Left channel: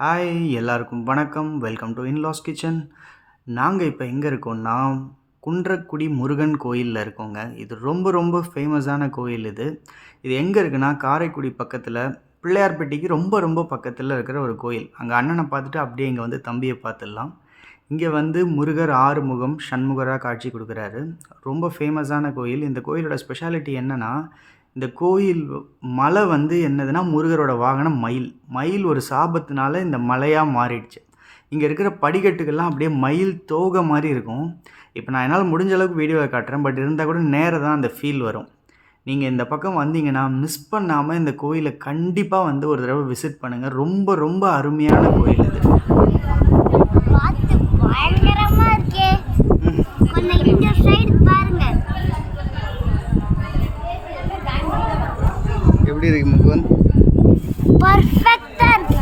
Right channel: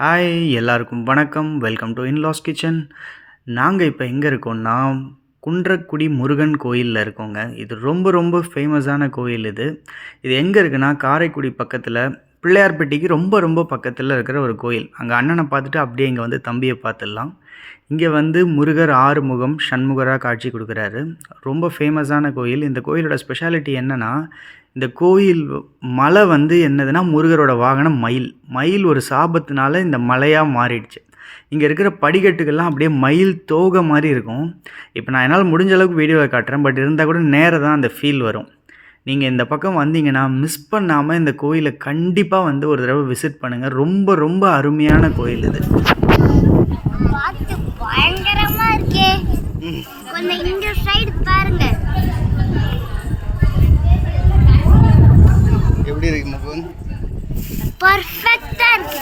Hi எல்லாருக்கும் வணக்கம். Welcome to in-laws kitchen. நாங்கள் இப்போ எங்கே இருக்கோம்னா குன்றக்குடி முருகன் கோயிலில் இருக்கோங்க. இது ரொம்ப ரொம்ப ஃபேமஸான கோயில் இது. இது எங்கே இருக்குன்னா காரைக்குடி பக்கத்தில் பிள்ளையார்பட்டிக்கு ரொம்ப ரொம்ப பக்கத்தில் இருக்கிற ஒரு கோயில். அங்கே அண்ணனை பார்த்துட்டு அப்படியே இங்கே வந்து தம்பியை பார்த்துடலாம். இங்கே வந்து முருகர் ஆறுமுகம் சண்முகராக காட்சி கொடுக்குறாரு. ரொம்ப ஃபேமஸான கோயில். இந்த கோயிலோட ஸ்பெஷாலிட்டி என்னென்னா, இந்த கோயில் மலை வந்து என்னதுன்னா முருகரோட வாகனம் மயில். மயில் ஒரு சாபத்தினால இந்த மலையாக மாறிடுச்சு. இங்கே இருக்கிற படிக்கட்டுகள்லாம் அப்படியே மயில் தோகை மாதிரி இருக்கும். இப்போ நான் என்னால் முடிஞ்ச அளவுக்கு வீடியோவை காட்டுறேன். பட் இருந்தால் கூட நேராக தான் அந்த ஃபீல் வரும். நீங்கள் இந்த பக்கம் வந்தீங்கன்னா மிஸ் பண்ணாமல் இந்த கோயிலை கண்டிப்பாக வந்து ஒரு தடவை விசிட் பண்ணுங்கள். ரொம்ப ரொம்ப அருமையான கோயில் இது. பயங்கரமா இருக்கே. கொஞ்சம் இந்த சைடு பாருங்க. எப்படி இருக்கு முகுந்த்? பர்ஃபெக்ட்டா இருக்கு.